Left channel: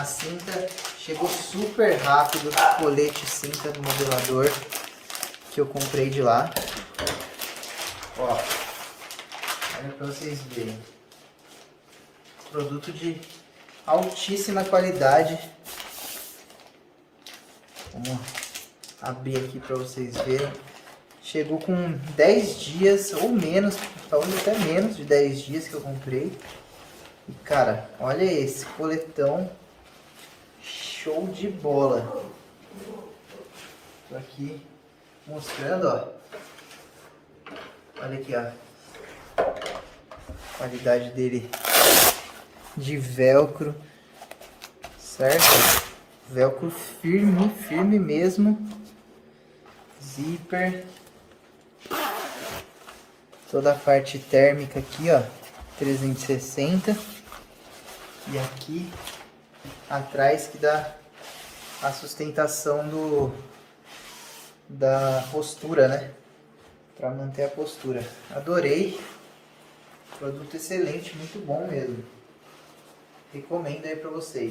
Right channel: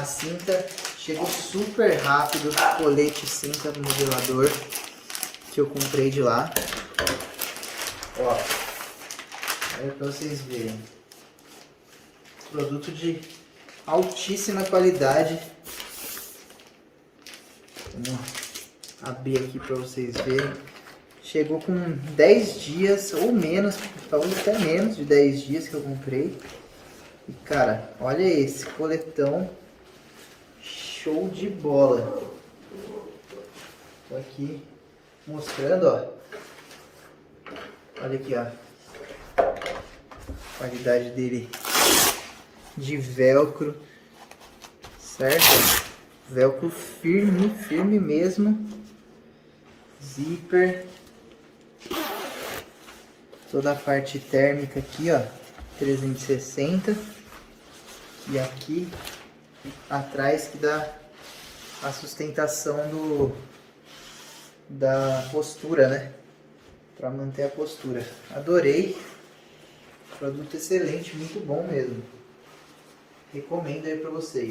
A cinta chegou super rápido, o colete cinta do modelador que eu comprei de lá. Ó, olha pra vocês verem. Produto de altíssima qualidade. Vamos abrir aqui pra vocês verem. Chegou com 10 dias ou menos, talvez até menos de 10 dias que eu comprei. E cara, olha esse coletão show de bola. Tô aqui mostrando, ó. Olha aqui, ó. A qualidade dele de velcro, certo? Velcro firme, firme mesmo. Zíper. Toda a parte térmica aqui, ó. 360. E aqui atrás que dá a sustentação da postura, né? Para manter a postura. Adorei. Produto excelente, muito bom mesmo. Recomendo aí para vocês.